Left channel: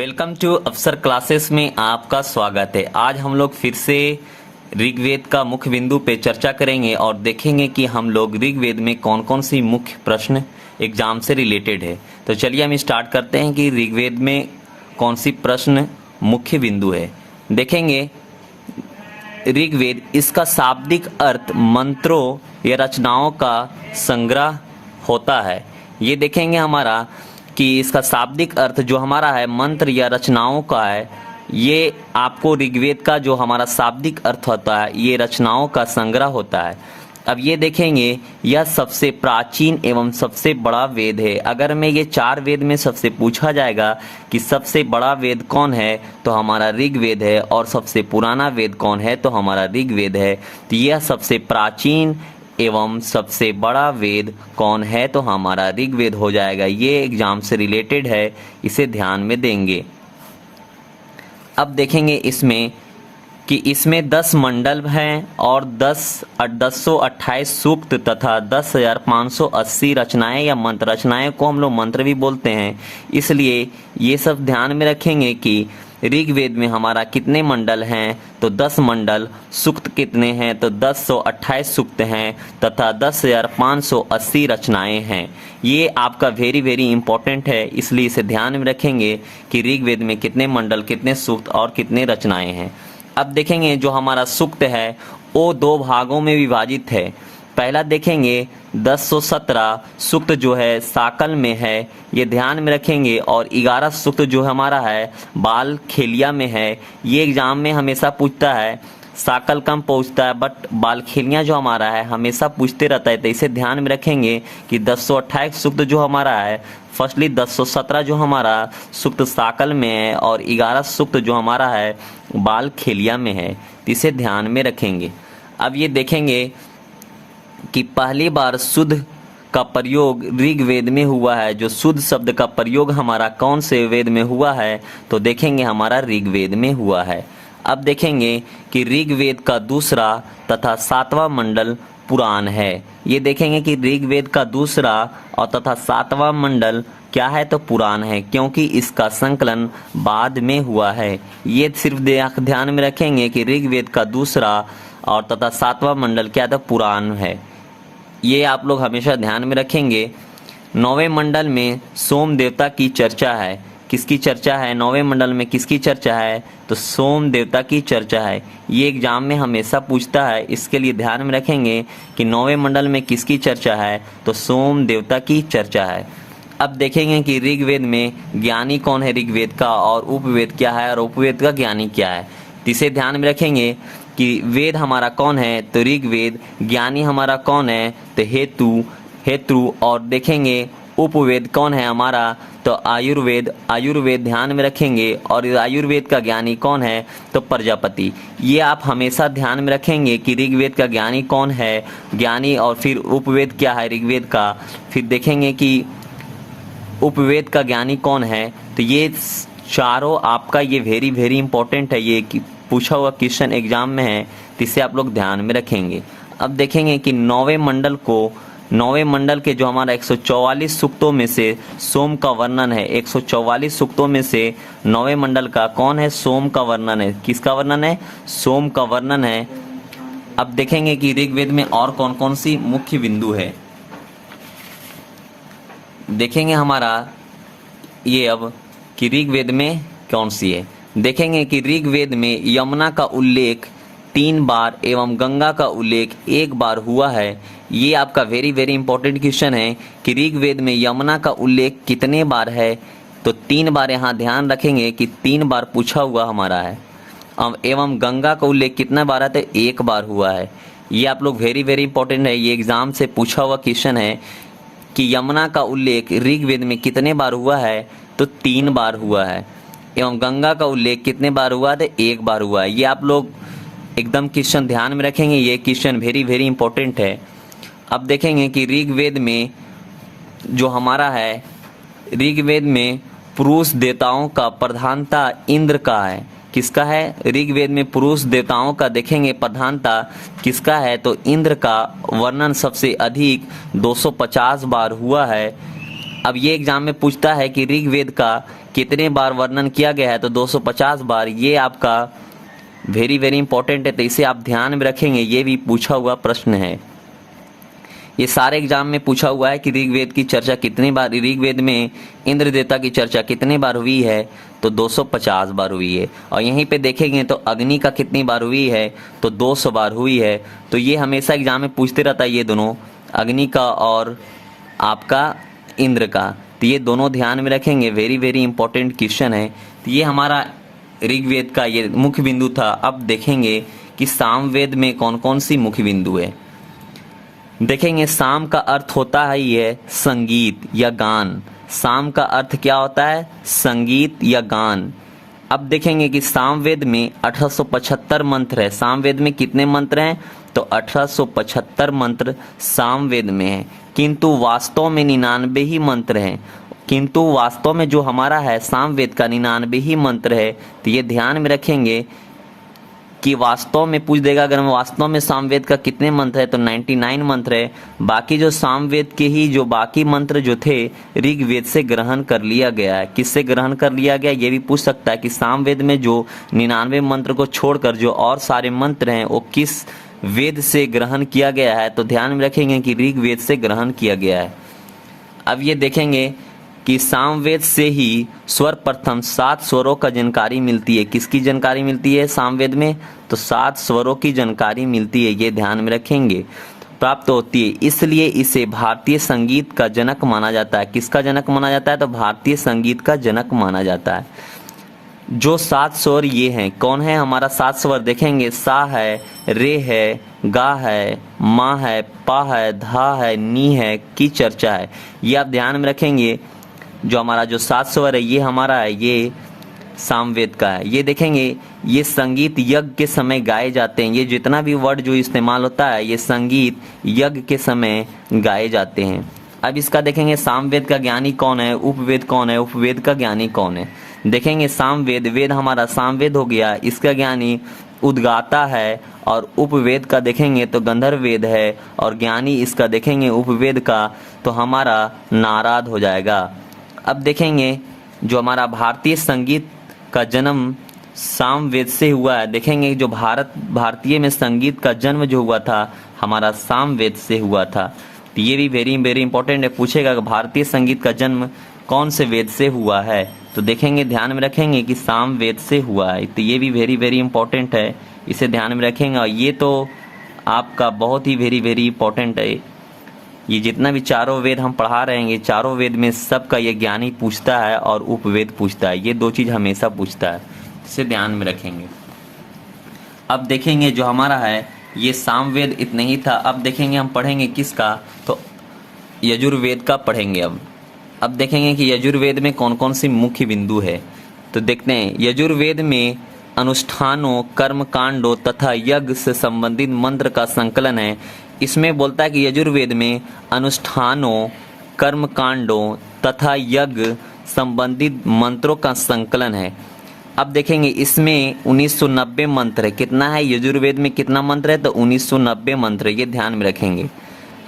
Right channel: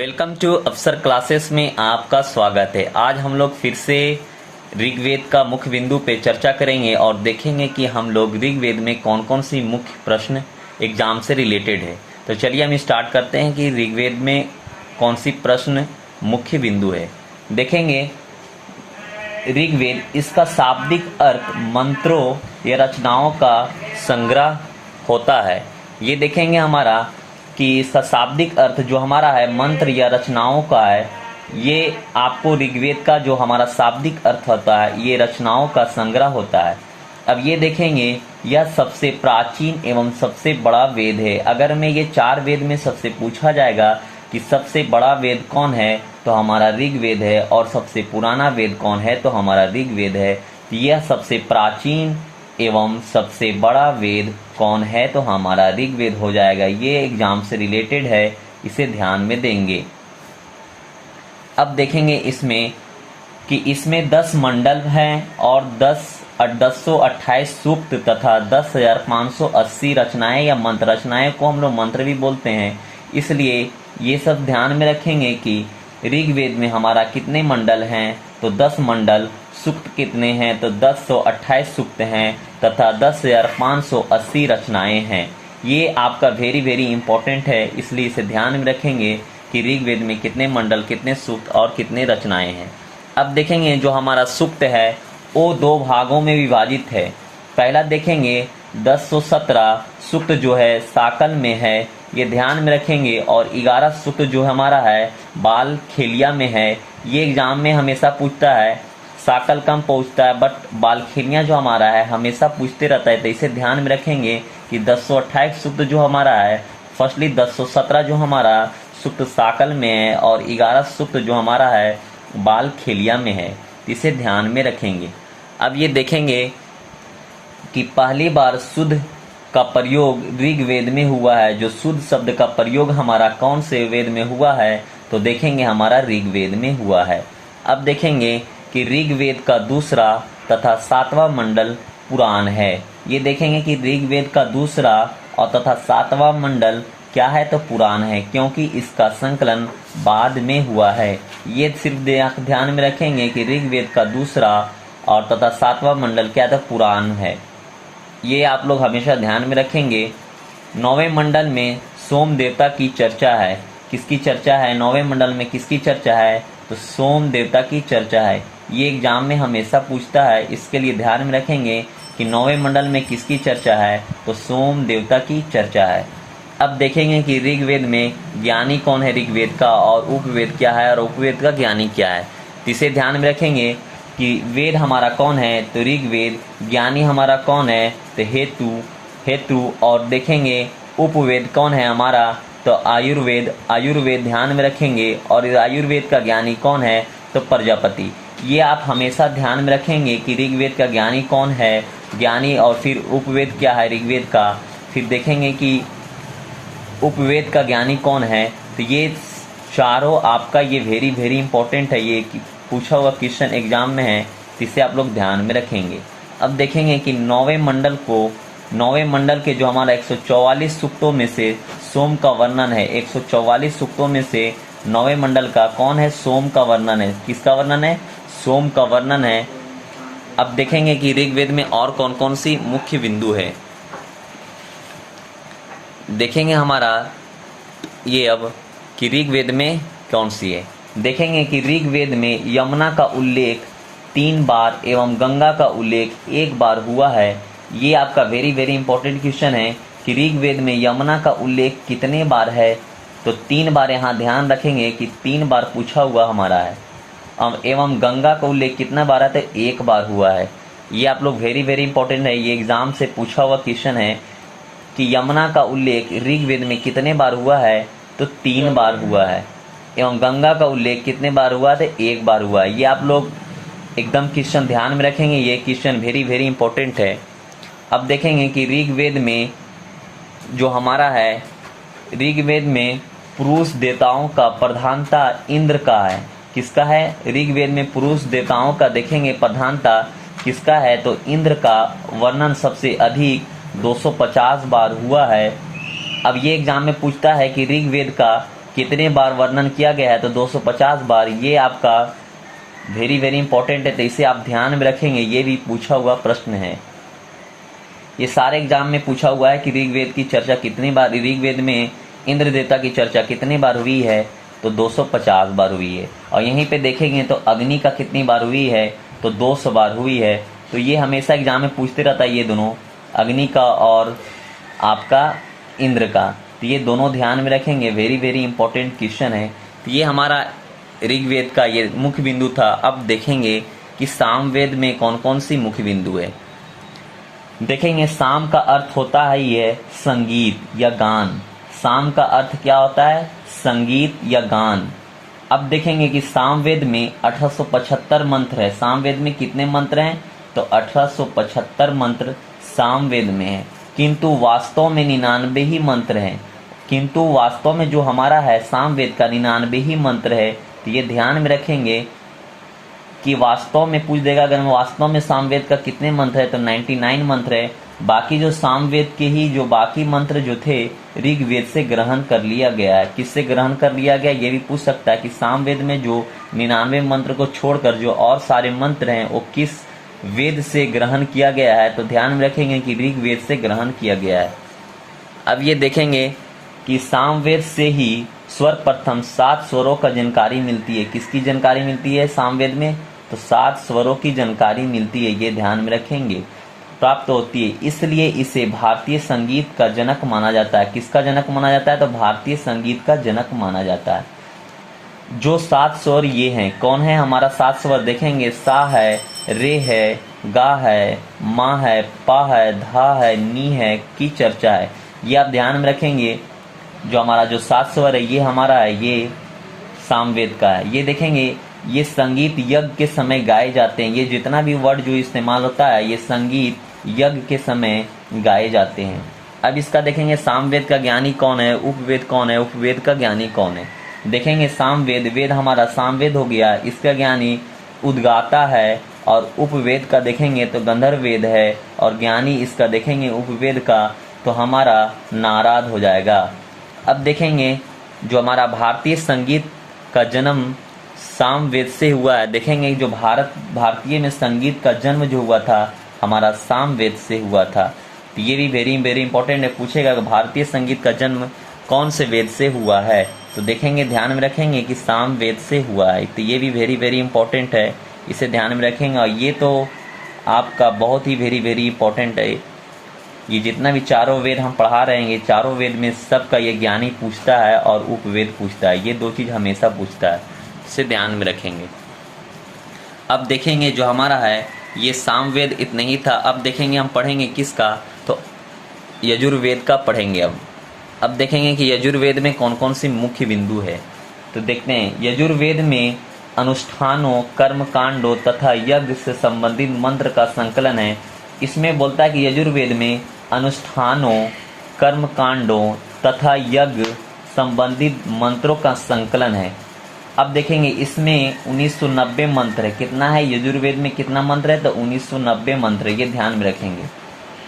Welcome to अफसर classes में आपका स्वागत है। आज हम लोग फिर से ऋग्वेद का मुख्य बिंदु पे चर्चा करेंगे और देखेंगे कि हम लोग ऋग्वेद में कौन कौन सी मुख्य प्रश्न एग्जाम से रिलेटेड है। तो चलिए हम स्टार्ट करते हैं कि ऋग्वेद में कौन सी प्रश्न मुख्य बिंदु है। देखेंगे ऋग्वेद, इसका शाब्दिक अर्थ मंत्रों या रचनाओं का संग्रह होता है। ये देखेंगे हमारा कि इसका शाब्दिक अर्थ जो हमारा है मंत्र या रचनाओं का है। ये आपको ऋग्वेद का जो हमारा शाब्दिक अर्थ होता है ये रचनाओं का संग्रह होता है। अब ये देखेंगे यह सबसे प्राचीन एवं सबसे बड़ा वेद है। अगर मैं ये 4 वेद में सबसे पूछा जाएगा कि सबसे बड़ा वेद कौन है तो हमारा ऋग्वेद है, और सबसे पुराना वेद कौन है तो हमारा ऋग्वेद है। तो यह सबसे प्राचीन एवं सबसे बड़ा वेद कौन है तो हमारा ऋग्वेद हो जाएगा। ये एग्जाम से रिलेटेड है, इसे ध्यान में देंगे। अब देखेंगे इसमें कि इसमें 10 मंडल हैं और 1028 सूक्त तथा 10,580 रचनाएं या मंत्र। रचनाएं को हम लोग मंत्र भी बोलते हैं, इसलिए ये सब ध्यान में रखेंगे कि ऋग्वेद में हमारा कितने मंडल हैं तो 10 मंडल, सूक्त कितने हैं तो 1028 सूक्त हैं तथा 10,580 रचनाएं हैं। ये आपका वेरी इंपॉर्टेंट है, इसलिए इसे ध्यान में रखेंगे कि ऋग्वेद में कितने मंडल, कितने सूक्त और कितने रचनाएं हैं। अब देखेंगे जो हमारा सूक्त है वो 2 भागों में विभाजित है। पहला देखेंगे 1017 सूक्त जो है साकल में है, ये ध्यान में रखेंगे, और 11 सूक्त जो हमारा है बाल खेलिया में है। ये एग्जाम में हमेशा पूछता है, साकल कम पूछता है बट बाल खेलिया जो हमारा है हमेशा पूछते रहता है। तो इसे ध्यान में रखेंगे कि 1028 सूक्त जो हमारा है, फर्स्टली 1017 जो हमारा सूक्त साकल में है और 11 सूक्त जो हमारा है बाल खेलिया में है। तो इसे ध्यान में रखेंगे। अब ये देखेंगे कि पहली बार शुद्ध का प्रयोग ऋग्वेद में हुआ है। जो शुद्ध शब्द का प्रयोग हमारा कौन से वेद में हुआ है तो देखेंगे हमारा ऋग्वेद में हुआ है। अब देखेंगे कि ऋग्वेद का दूसरा तथा 7वां मंडल पुराण है। ये देखेंगे कि ऋग्वेद का दूसरा और तथा 7वां मंडल क्या है तो पुराण है, क्योंकि इसका संकलन बाद में हुआ है। ये सिर्फ ध्यान में रखेंगे कि ऋग्वेद का दूसरा और तथा 7वां मंडल क्या था, पुराण है। ये आप लोग हमेशा ध्यान में रखेंगे। 9वें मंडल में सोम देवता की चर्चा है। किसकी चर्चा है 9वें मंडल में, किसकी चर्चा है तो सोम देवता की चर्चा है। ये एग्जाम में हमेशा पूछता है, इसके लिए ध्यान में रखेंगे कि 9वें मंडल में किसकी चर्चा है तो सोम देवता की चर्चा है। अब देखेंगे कि ऋग्वेद में ज्ञानी कौन है ऋग्वेद का, और उपवेद क्या है और उपवेद का ज्ञानी क्या है। इसे ध्यान में रखेंगे कि वेद हमारा कौन है तो ऋग्वेद, ज्ञानी हमारा कौन है तो हेतु, और देखेंगे उपवेद कौन है हमारा तो आयुर्वेद ध्यान में रखेंगे, और आयुर्वेद का ज्ञानी कौन है तो प्रजापति। ये आप हमेशा ध्यान में रखेंगे कि ऋग्वेद का ज्ञानी कौन है, ज्ञानी, और फिर उपवेद क्या है ऋग्वेद का। फिर देखेंगे कि उपवेद का ज्ञानी कौन है। तो ये चारों आपका ये वेरी इंपॉर्टेंट है, ये पूछा हुआ क्वेश्चन एग्जाम में है, तो इसे आप लोग ध्यान में रखेंगे। अब देखेंगे कि 9वें मंडल के जो हमारा 144 सूक्तों में से सोम का वर्णन है। 144 सूक्तों में से 9वें मंडल का कौन है, सोम का वर्णन है। किसका वर्णन है, सोम का वर्णन है। अब देखेंगे कि ऋग्वेद में और कौन कौन सी मुख्य बिंदु है। देखेंगे हमारा ये अब कि ऋग्वेद में कौन सी है। देखेंगे कि ऋग्वेद में यमुना का उल्लेख 3 बार एवं गंगा का उल्लेख 1 बार हुआ है। ये आपका वेरी इंपॉर्टेंट क्वेश्चन है कि ऋग्वेद में यमुना का उल्लेख कितने बार है तो 3 बार। यहाँ ध्यान रखेंगे कि 3 बार पूछा हुआ हमारा है। एवं गंगा का उल्लेख कितना बार है तो 1 बार हुआ है। ये आप लोग वेरी इंपॉर्टेंट है, ये एग्जाम से पूछा हुआ क्वेश्चन है कि यमुना का उल्लेख ऋग्वेद में कितने बार हुआ है तो 3 बार हुआ है, एवं गंगा का उल्लेख कितने बार हुआ तो 1 बार हुआ है। ये आप लोग एकदम क्वेश्चन ध्यान में रखेंगे, ये क्वेश्चन वेरी इंपॉर्टेंट है। अब देखेंगे कि ऋग्वेद में जो हमारा है, ऋग्वेद में पुरुष देवताओं का प्रधानता इंद्र का है। किसका है, ऋग्वेद में पुरुष देवताओं का देखेंगे प्रधानता किसका है तो इंद्र का वर्णन सबसे अधिक 250 बार हुआ है। अब ये एग्जाम में पूछता है कि ऋग्वेद का कितने बार वर्णन किया गया है, तो 250 बार। ये आपका वेरी वेरी इंपॉर्टेंट है, तो इसे आप ध्यान में रखेंगे, ये भी पूछा हुआ प्रश्न है। ये सारे एग्जाम में पूछा हुआ है कि ऋग्वेद की चर्चा कितनी बार, ऋग्वेद में इंद्र देवता की चर्चा कितनी बार हुई है, तो 250 बार हुई है। और यहीं पे देखेंगे तो अग्नि का कितनी बार हुई है, तो 200 बार हुई है। तो ये हमेशा एग्जाम में पूछते रहता है, ये दोनों, अग्नि का और आपका इंद्र का, तो ये दोनों ध्यान में रखेंगे, वेरी वेरी इंपॉर्टेंट क्वेश्चन है। तो ये हमारा ऋग्वेद का ये मुख्य बिंदु था। अब देखेंगे कि सामवेद में कौन कौन सी मुख्य बिंदु है। देखेंगे साम का अर्थ होता है ये संगीत या गान। साम का अर्थ क्या होता है, संगीत या गान। अब देखेंगे कि सामवेद में 1875 मंत्र है। सामवेद में कितने मंत्र हैं, तो 1875 मंत्र सामवेद में है, किंतु वास्तव में 99 ही मंत्र हैं। किंतु वास्तव में जो हमारा है सामवेद का 99 ही मंत्र है। तो ये ध्यान में रखेंगे कि वास्तव में पूछ देगा, अगर हम वास्तव में सामवेद का कितने मंत्र है, तो 99 मंत्र है। बाकी जो सामवेद के ही जो बाकी मंत्र जो थे ऋग्वेद से ग्रहण कर लिया गया है। किससे ग्रहण कर लिया गया, ये भी पूछ सकता है कि सामवेद में जो 99 मंत्र को छोड़कर जो और सारे मंत्र हैं वो किस वेद से ग्रहण किया गया है, तो ध्यान में रखेंगे कि ऋग्वेद से ग्रहण किया गया है। अब ये देखेंगे कि सामवेद से ही सर्वप्रथम 7 स्वरों का जानकारी मिलती है। किसकी जानकारी मिलती है सामवेद में, तो 7 स्वरों की जानकारी मिलती है, ये ध्यान में रखेंगे, प्राप्त होती है। इसलिए इसे भारतीय संगीत का जनक माना जाता है। किसका जनक माना जाता है, तो भारतीय संगीत का जनक माना जाता है। जो 7 स्वर ये हैं, कौन है हमारा 7 स्वर, देखेंगे सा है, रे है, गा है, मा है, पा है, धा है, नी है, की चर्चा है। ये आप ध्यान में रखेंगे। जो हमारा जो 7 स्वर है ये हमारा है, ये सामवेद का है। ये देखेंगे ये संगीत यज्ञ के समय गाए जाते हैं। ये जितना भी वर्ड जो इस्तेमाल होता है ये संगीत यज्ञ के समय गाए जाते हैं। अब इसका देखेंगे सामवेद का ज्ञानी कौन है, उपवेद कौन है, उपवेद का ज्ञानी कौन है। देखेंगे सामवेद, वेद हमारा सामवेद हो गया, इसका ज्ञानी उद्गाता है। और उपवेद का देखेंगे तो गंधर्व वेद है, और ज्ञानी इसका देखेंगे उपवेद का तो हमारा नारद हो जाएगा। अब देखेंगे जो हमारा भारतीय संगीत का जन्म सामवेद से हुआ है। देखेंगे जो भारतीय में संगीत का जन्म जो हुआ था हमारा सामवेद से हुआ था। तो ये भी वेरी वेरी इंपॉर्टेंट है, पूछेगा कि भारतीय संगीत का जन्म कौन से वेद से हुआ है, तो देखेंगे ध्यान में रखेंगे कि सामवेद से हुआ है। तो ये भी वेरी वेरी इंपॉर्टेंट है, इसे ध्यान में रखेंगे। और ये तो आपका बहुत ही वेरी वेरी इंपॉर्टेंट है। ये जितना भी चारों वेद हम पढ़ा रहे हैं, चारों वेद में सबका ये ज्ञानी पूछता है और उपवेद पूछता है, ये 2 चीज़ हमेशा पूछता है, इसे ध्यान में रखेंगे। अब देखेंगे जो हमारा है ये सामवेद इतना ही था। अब देखेंगे हम पढ़ेंगे किसका, तो यजुर्वेद का पढ़ेंगे। अब देखेंगे कि यजुर्वेद में कौन कौन सी मुख्य बिंदु है, तो देखते हैं। यजुर्वेद में अनुष्ठानों, कर्म कांडों तथा यज्ञ से संबंधित मंत्र का संकलन है। इसमें बोलता है कि यजुर्वेद में अनुष्ठानों, कर्म कांडों तथा यज्ञ संबंधित मंत्रों का संकलन है। अब देखेंगे इसमें 1990 मंत्र है। कितना है यजुर्वेद में, कितना मंत्र है, तो 1990 मंत्र, ये ध्यान में रखेंगे।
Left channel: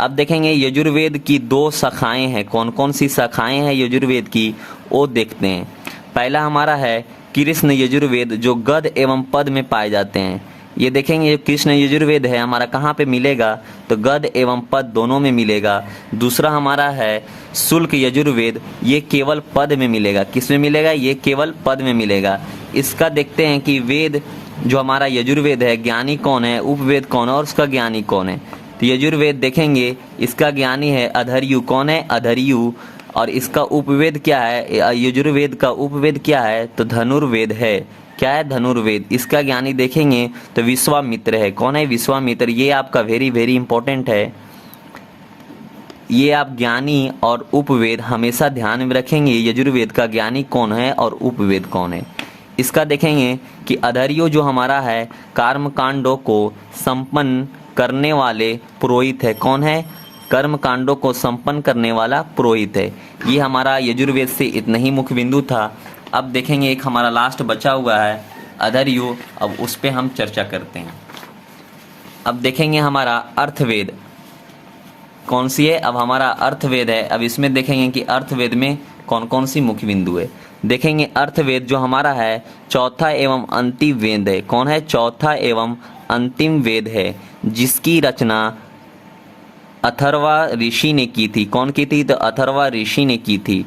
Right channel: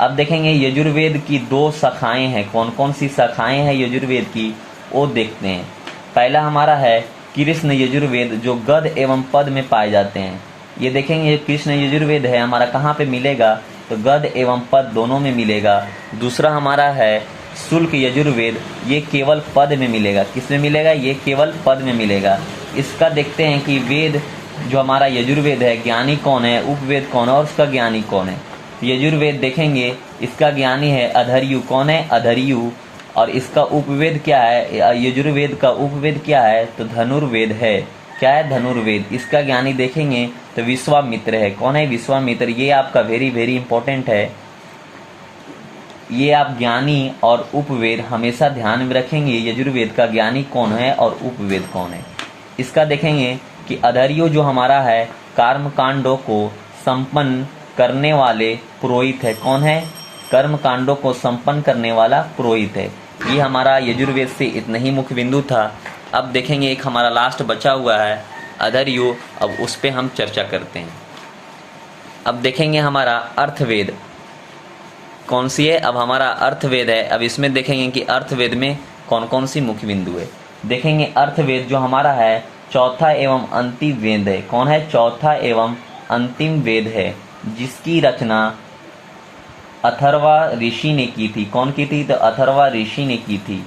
अब देखेंगे यजुर्वेद की 2 शाखाएं हैं। कौन कौन सी शाखाएं हैं यजुर्वेद की, वो देखते हैं। पहला हमारा है कृष्ण यजुर्वेद, जो गद एवं पद में पाए जाते हैं। ये देखेंगे कृष्ण यजुर्वेद है हमारा कहाँ पे मिलेगा, तो गद एवं पद दोनों में मिलेगा। दूसरा हमारा है शुल्क यजुर्वेद, ये केवल पद में मिलेगा। किस में मिलेगा, ये केवल पद में मिलेगा। इसका देखते हैं कि वेद जो हमारा यजुर्वेद है, ज्ञानी कौन है, उपवेद कौन है और उसका ज्ञानी कौन है। तो यजुर्वेद देखेंगे इसका ज्ञानी है अधर्यु। कौन है, अधर्यु। और इसका उपवेद क्या है, यजुर्वेद का उपवेद क्या है, तो धनुर्वेद है। क्या है, धनुर्वेद। इसका ज्ञानी देखेंगे तो विश्वामित्र है। कौन है, विश्वामित्र। ये आपका वेरी वेरी इंपॉर्टेंट है। ये आप ज्ञानी और उपवेद हमेशा ध्यान में रखेंगे, यजुर्वेद का ज्ञानी कौन है और उपवेद कौन है। इसका देखेंगे कि अधर्यो जो हमारा है कर्म कांडों को संपन्न करने वाले पुरोहित है। कौन है, कर्म कांडों को संपन्न करने वाला पुरोहित है। ये हमारा यजुर्वेद से इतना ही मुख्य बिंदु था। अब देखेंगे एक हमारा लास्ट बचा हुआ है अधर्यो, अब उस पे हम चर्चा करते हैं। अब देखेंगे हमारा अर्थवेद कौन सी है, अब हमारा अर्थवेद है। अब इसमें देखेंगे कि अर्थवेद में कौन कौन सी मुख्य बिंदु है। देखेंगे अर्थवेद जो हमारा है चौथा एवं अंतिम वेद है। कौन है? चौथा एवं अंतिम वेद है, जिसकी रचना अथर्वा ऋषि ने की थी। कौन की थी? तो अथर्वा ऋषि ने की थी।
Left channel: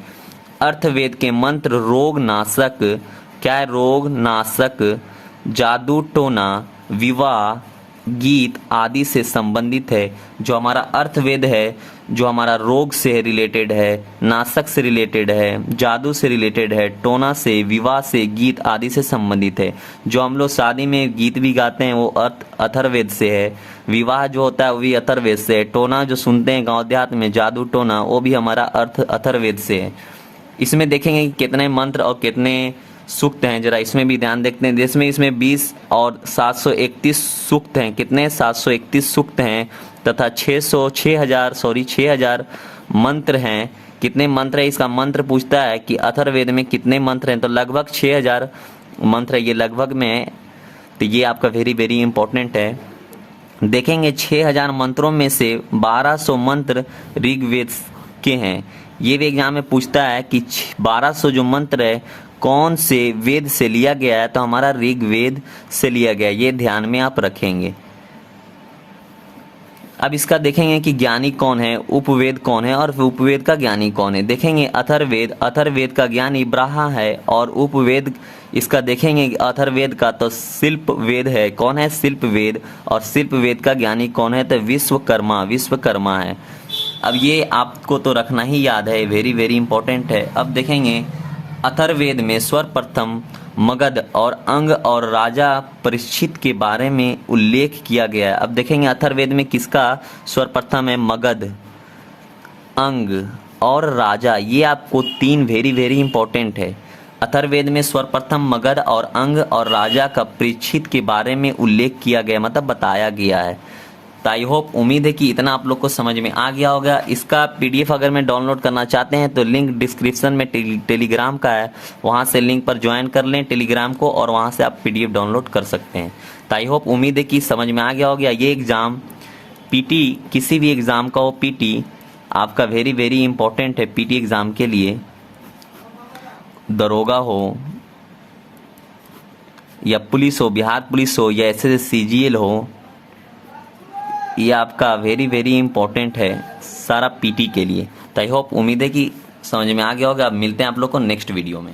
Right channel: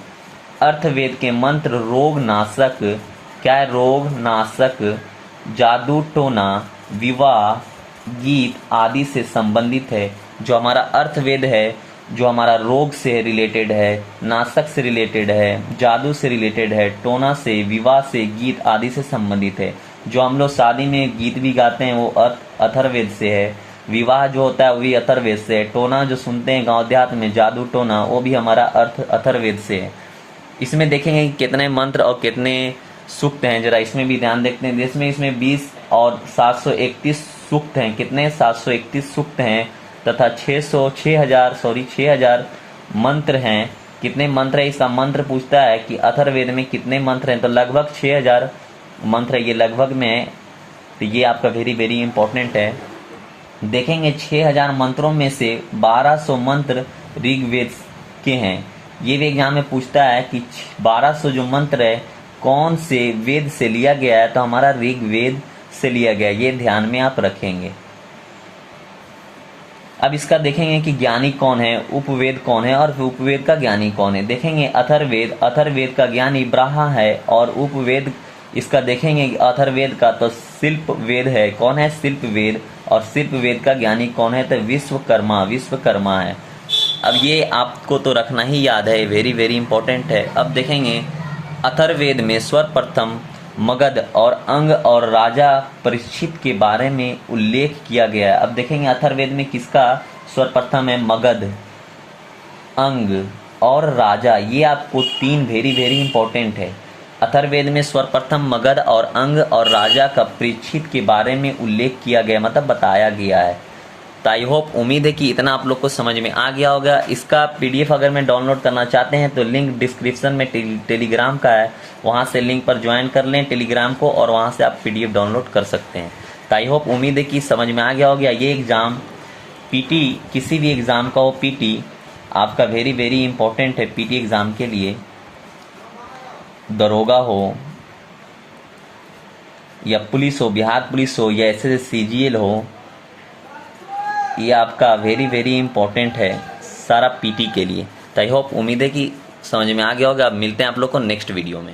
अर्थवेद के मंत्र रोग नाशक, क्या है? रोग नाशक, जादू टोना, विवाह, गीत आदि से संबंधित है। जो हमारा अर्थवेद है, जो हमारा रोग से रिलेटेड है, नाशक से रिलेटेड है, जादू से रिलेटेड है, टोना से, विवाह से, गीत आदि से संबंधित है। जो हम लोग शादी में गीत भी गाते हैं वो अथर्ववेद से है। विवाह जो होता है वो भी अथर्ववेद से है। टोना जो सुनते हैं गांव देहात में, जादू टोना, वो भी हमारा अथर्ववेद से है। इसमें देखेंगे कि कितने मंत्र और कितने सूक्त हैं, जरा इसमें भी ध्यान देखते हैं। इसमें 20 और 731 सूक्त हैं। कितने? 731 सूक्त हैं तथा 6000 मंत्र हैं। कितने मंत्र है? इसका मंत्र पूछता है कि अथर्ववेद में कितने मंत्र हैं, तो लगभग 6000 मंत्र है। ये लगभग में है, तो ये आपका वेरी वेरी इंपॉर्टेंट है। देखेंगे 6000 मंत्रों में से 1200 मंत्र ऋग्वेद के हैं। ये भी एग्जाम में पूछता है कि 1200 जो मंत्र है कौन से वेद से लिया गया है, तो हमारा ऋग्वेद से लिया गया। ये ध्यान में आप रखेंगे। अब इसका देखेंगे कि ज्ञानी कौन है, उपवेद कौन है और उपवेद का ज्ञानी कौन है। देखेंगे अथर्ववेद का ज्ञानी ब्रह्मा है और उपवेद इसका देखेंगे अथर्ववेद का तो शिल्प वेद है। कौन है? शिल्प वेद। और शिल्प वेद का ज्ञानी कौन है? तो विश्वकर्मा है। अब ये आपको तो रखना ही याद है, वेरी वेरी इंपॉर्टेंट है। अब देखेंगे अथर्ववेद में सर्वप्रथम मगध और अंग और राजा परीक्षित के बारे में उल्लेख किया गया है। अब देखेंगे अथर्ववेद में किसका सर्वप्रथम है? मगध, अंग और राजा। ये आपको 3 वेरी वेरी इंपॉर्टेंट है। अथर्ववेद में सर्वप्रथम मगध और अंग और राजा का परीक्षित के बारे में उल्लेख किया गया, मतलब बताया गया है। तो आई होप, उम्मीद है कि इतना आप लोग को समझ में आ गया होगा। इसका पीडीएफ अगर मैं डाउनलोड करना चाहते हैं तो लिंक डिस्क्रिप्शन में टेलीग्राम का है, वहां से लिंक पर ज्वाइन कर लें टेलीग्राम को और वहां से आप पीडीएफ डाउनलोड कर सकते हैं। तो आई होप, उम्मीद है कि समझ में आ गया होगा। ये एग्ज़ाम पीटी, किसी भी एग्ज़ाम का वो पीटी आपका वेरी वेरी इंपॉर्टेंट है। पीटी एग्ज़ाम के लिए दरोगा हो या पुलिस हो, बिहार पुलिस हो या ऐसे सीजीएल हो, ये आपका वेरी वेरी इंपॉर्टेंट है सारा पीटी के लिए। तो आई होप, उम्मीद है कि समझ में आ गया होगा। अब मिलते हैं आप लोग को नेक्स्ट वीडियो में।